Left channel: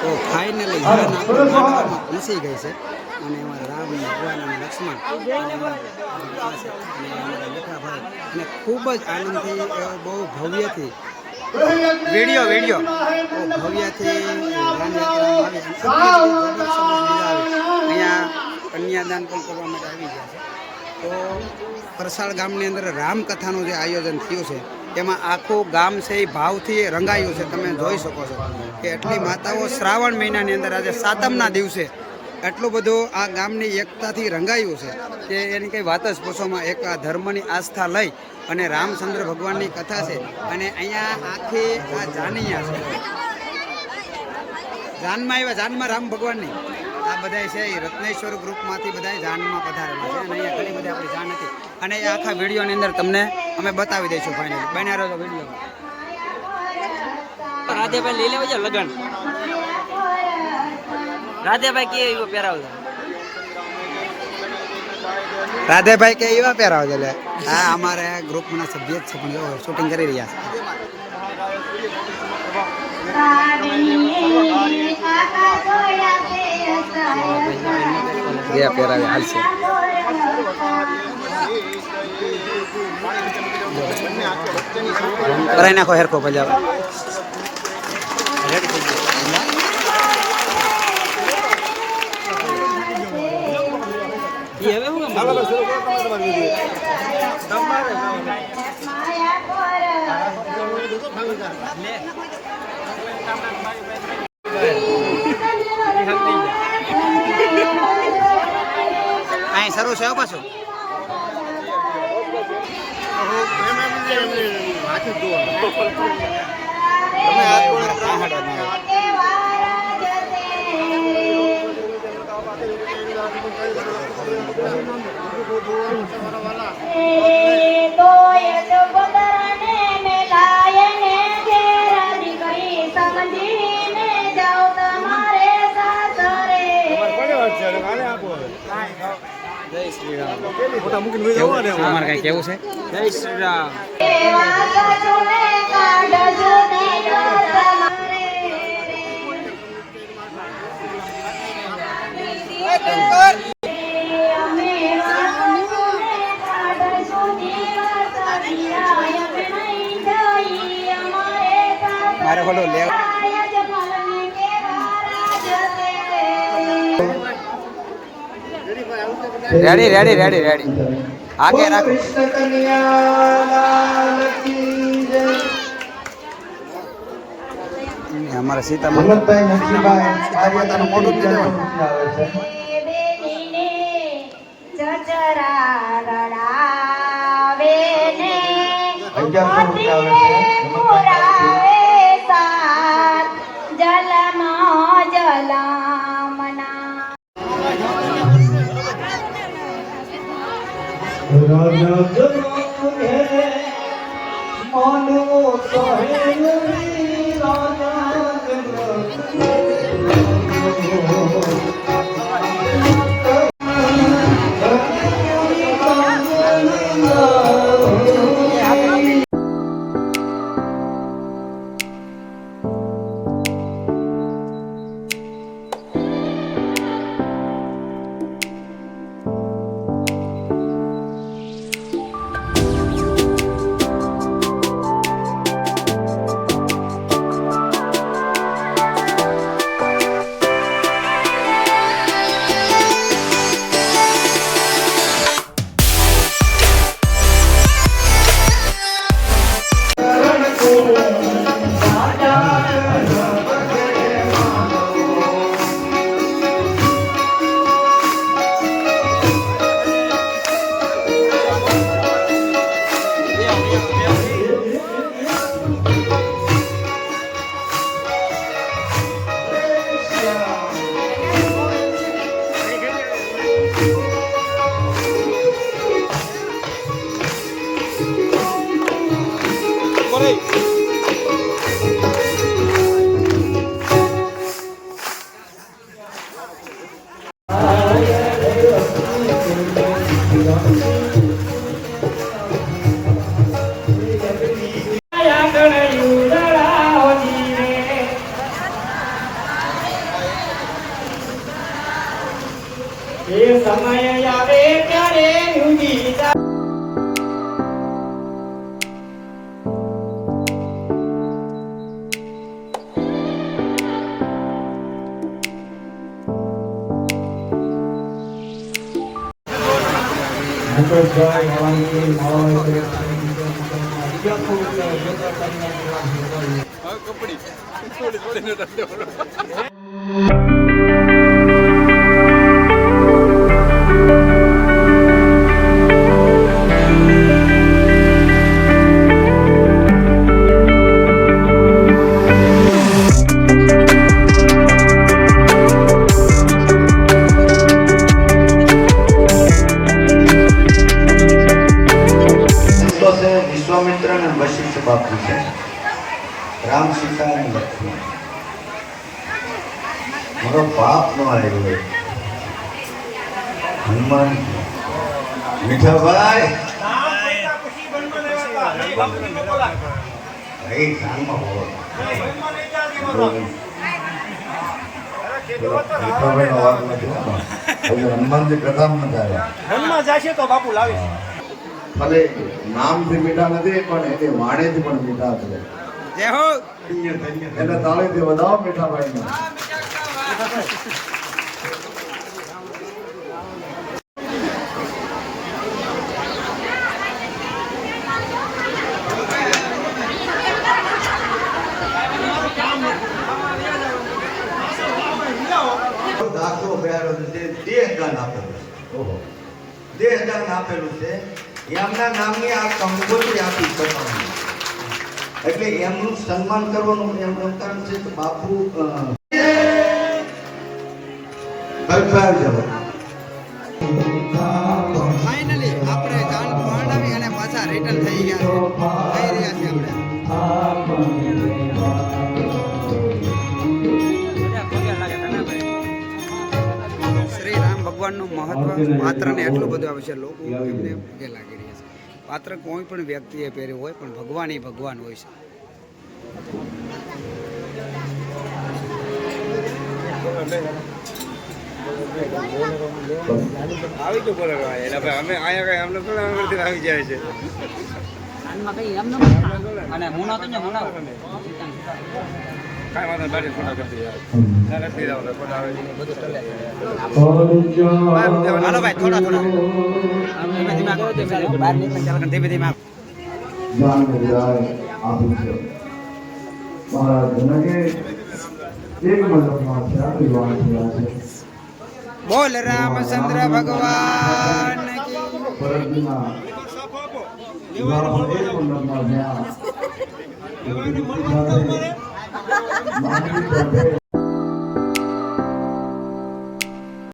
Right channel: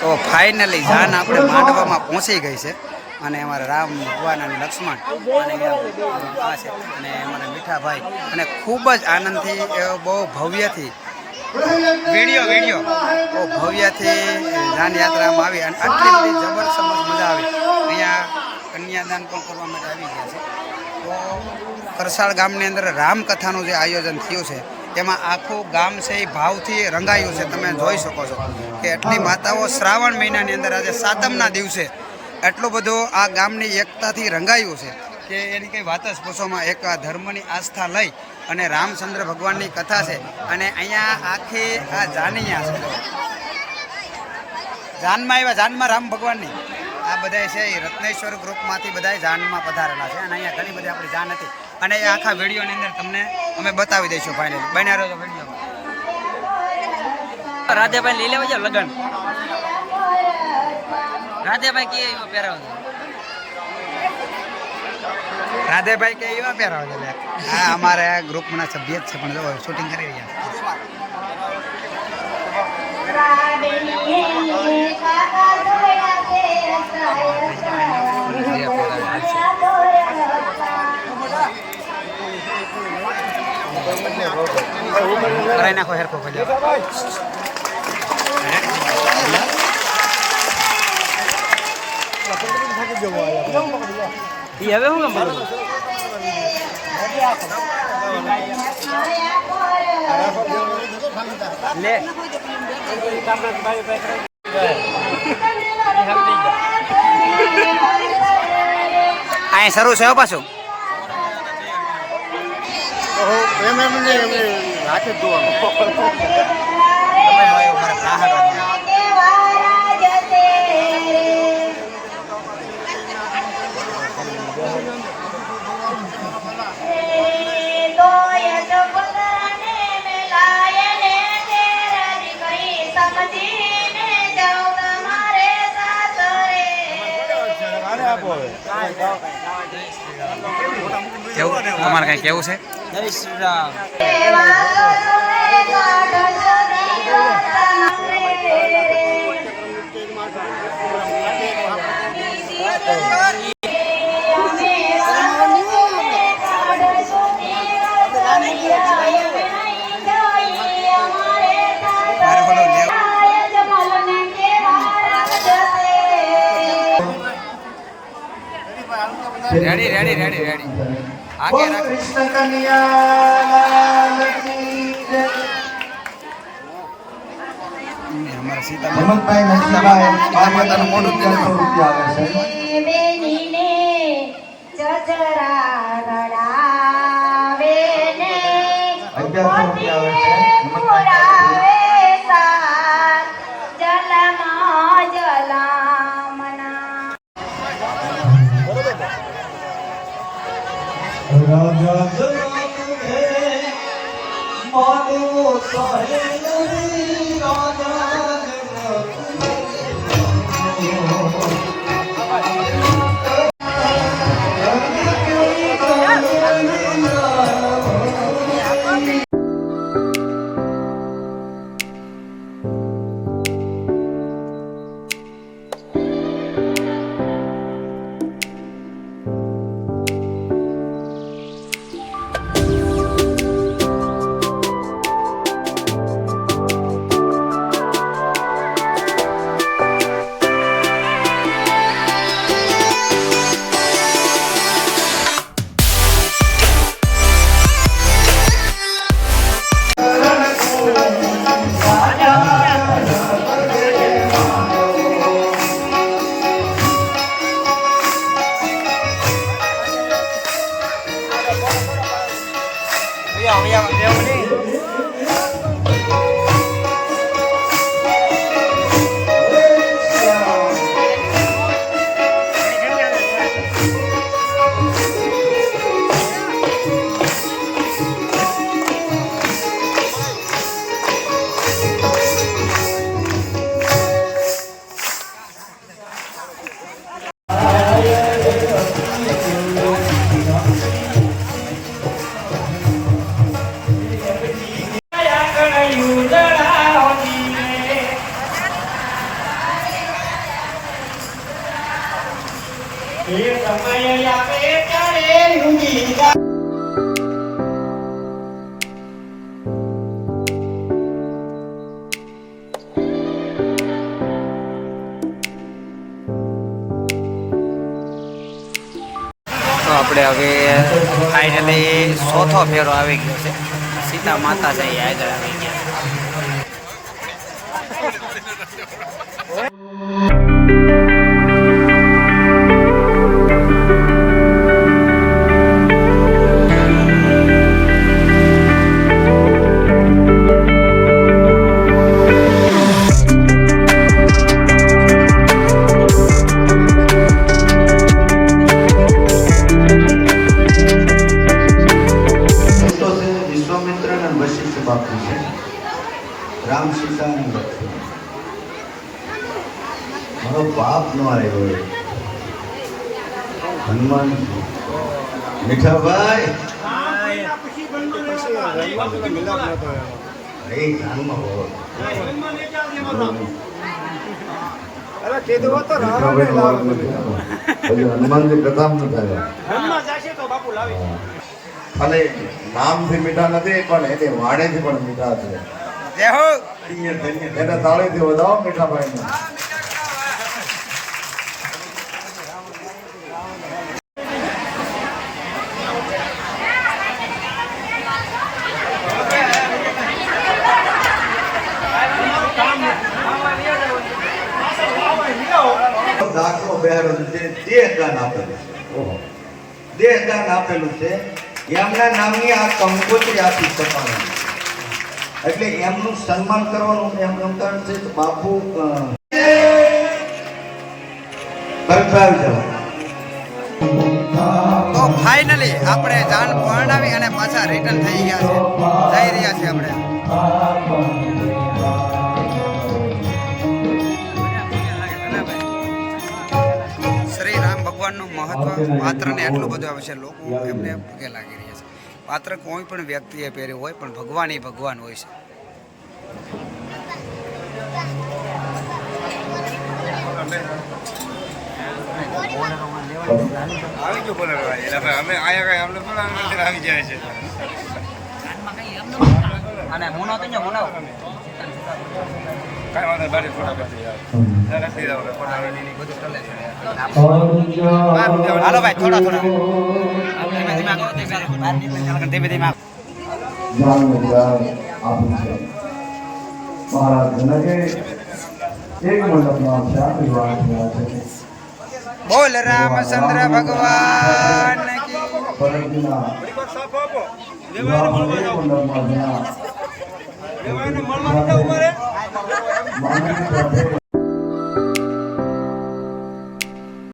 તો ફાઇનલી જાન આપણે માંડવામાં પહોંચી ગઈ છે. અને અમારા રામ ભગવાન અને લક્ષ્મણ અને આ છે. અને અમારા મીઠાભાઈ. અને ખૂબ જ આનંદથી બહુ ભવ્યથી, વીડિયો વીડિયો, બહુ ભવ્યથી જાન યાત્રામાં આવી અને આટલી બધી જબરજસ્ત મજા આવી. અહીંયા કન્યાદાન પણ કરવા માટે આવી ગયા છે. તો કરસાળ ગામની અંદર રામકથાનું જે આયોજન થયું છે, એમાં આખું ગામ છે એ ભાવથી રંગાયું છે. તમે જોઈ શકો છો. કે એટલી માતાઓ શ્રાવણ મહિનાની અંદર આજે સાતમના દિવસે એટલો બધો આ ગામની એકતાથી રંગાયું છે કે એની કંઈ વાત જ પૂછોમાં એક આ ધર્મની આસ્થા લઈ અને રામચંદ્ર ભગવાનની કથા છે અને અહીંયા આખી આ જાનૈયા છે. જાનમાં આવ્યા, જાનમાં રામ ભગવાનની. આ બધા છે એ રત્નેશ્વર ગ્રુપમાંથી બધા જાનમાં પધારેલા છે અને અહીંયા ઘણી બધી આપણી જાન હતી. અને એ આખા વિડીયોની અંદર તમને અમે બતાવી દઈશું ફાઇનલી બન્યા રહ્યો વીડિયો રાધેભાઈ લઈ લેવા જાવ લગન. રાધેભાઈ કે એવો પહેરાવજો રાધેભાઈ કે એવા પહેરાવજો છે લે. હા અમારે ગ્રુપના સભ્ય જ છે પણ જો શૂટિંગ કરી રહ્યા છે. હાલશે કરાઈ નાખો હેરખો ભલે. એ હવે હું કામ? લે અહીંયા શરૂ છે પાછું તમે મારા ત્રાહડવાનો તમારે કઈ કેવું છે? Jai Shri Ram. Ready ready ready ready આગે રાખો ને અમારા સીતા માતા સીતા માતા સીતા માતાનું મોઢું જ નહીં લેવાનું રાજા જનમે માનો સહેલી રાજા જનમે 怎么样不 આપણે હવે ફાઇનલી ચોથો ફેરો આવી ગયો છે સીતા માતા છે એ આગળ આવી ગયા રામ સીતા મારો પાપ નો આવ્યો. હનુમાન. મીઠાભાઈ. નથી. હનુમાનજી પ્રધાન નથી ખાલી નામથી મીઠા નથી પણ એને વાણેથી પણ મીઠા છે. જય હો. એને તાળીથી વધાવો, મીઠા ભાઈને દાખલો બેહાડેલો છે, દેહદાન આપેલું ઓહો. છે. એમના નામની આ સમજૂતી આપી શકાય એટલે એમનું સન્માન કરવાનું એમ કારણ છે તો બાપુ તો ફાઇનલી આપણે જાન પરણાવી અને પાછા રિટર્ન થઈ ગયા છે. જઈ રહ્યા છીએ આપણે. શ્રી રામ ભગવાનનું મહત્વ પાત્રને એટલું બધું આવે છે લોકો એમને પગે લાગી રહ્યા છે. પાત્ર કોઈ પણ વ્યક્તિએ પહેર્યું હોય પણ ભગવાન એ ભગવાન હોય છે. આવી ગયો બોલે એટલે ભાઈ અમે આયા કઈ અમને થોડા અંદરથી આવી જાય છે. અને હું તો હું કાંઈ વાંધો નહીં, બારી ફોટા કરી યાર ના, નથી જવું, ફોટા આવે નહીં. બધું ટલે છે અર્જુન હાલો ભાઈ થોડા થોડા ધીમે ધીમે આગળ વધીએ. બહાર નીકળીને ધીમે ધીમે આગળ. જ્ઞાનનું ઉદાહરણ આપ્યું છે મહારાજ જનકે એક મંડપમાં ચાર વિવાહ થયા છે બોલ રામચંદ્ર ભગવાન કી મળવાનું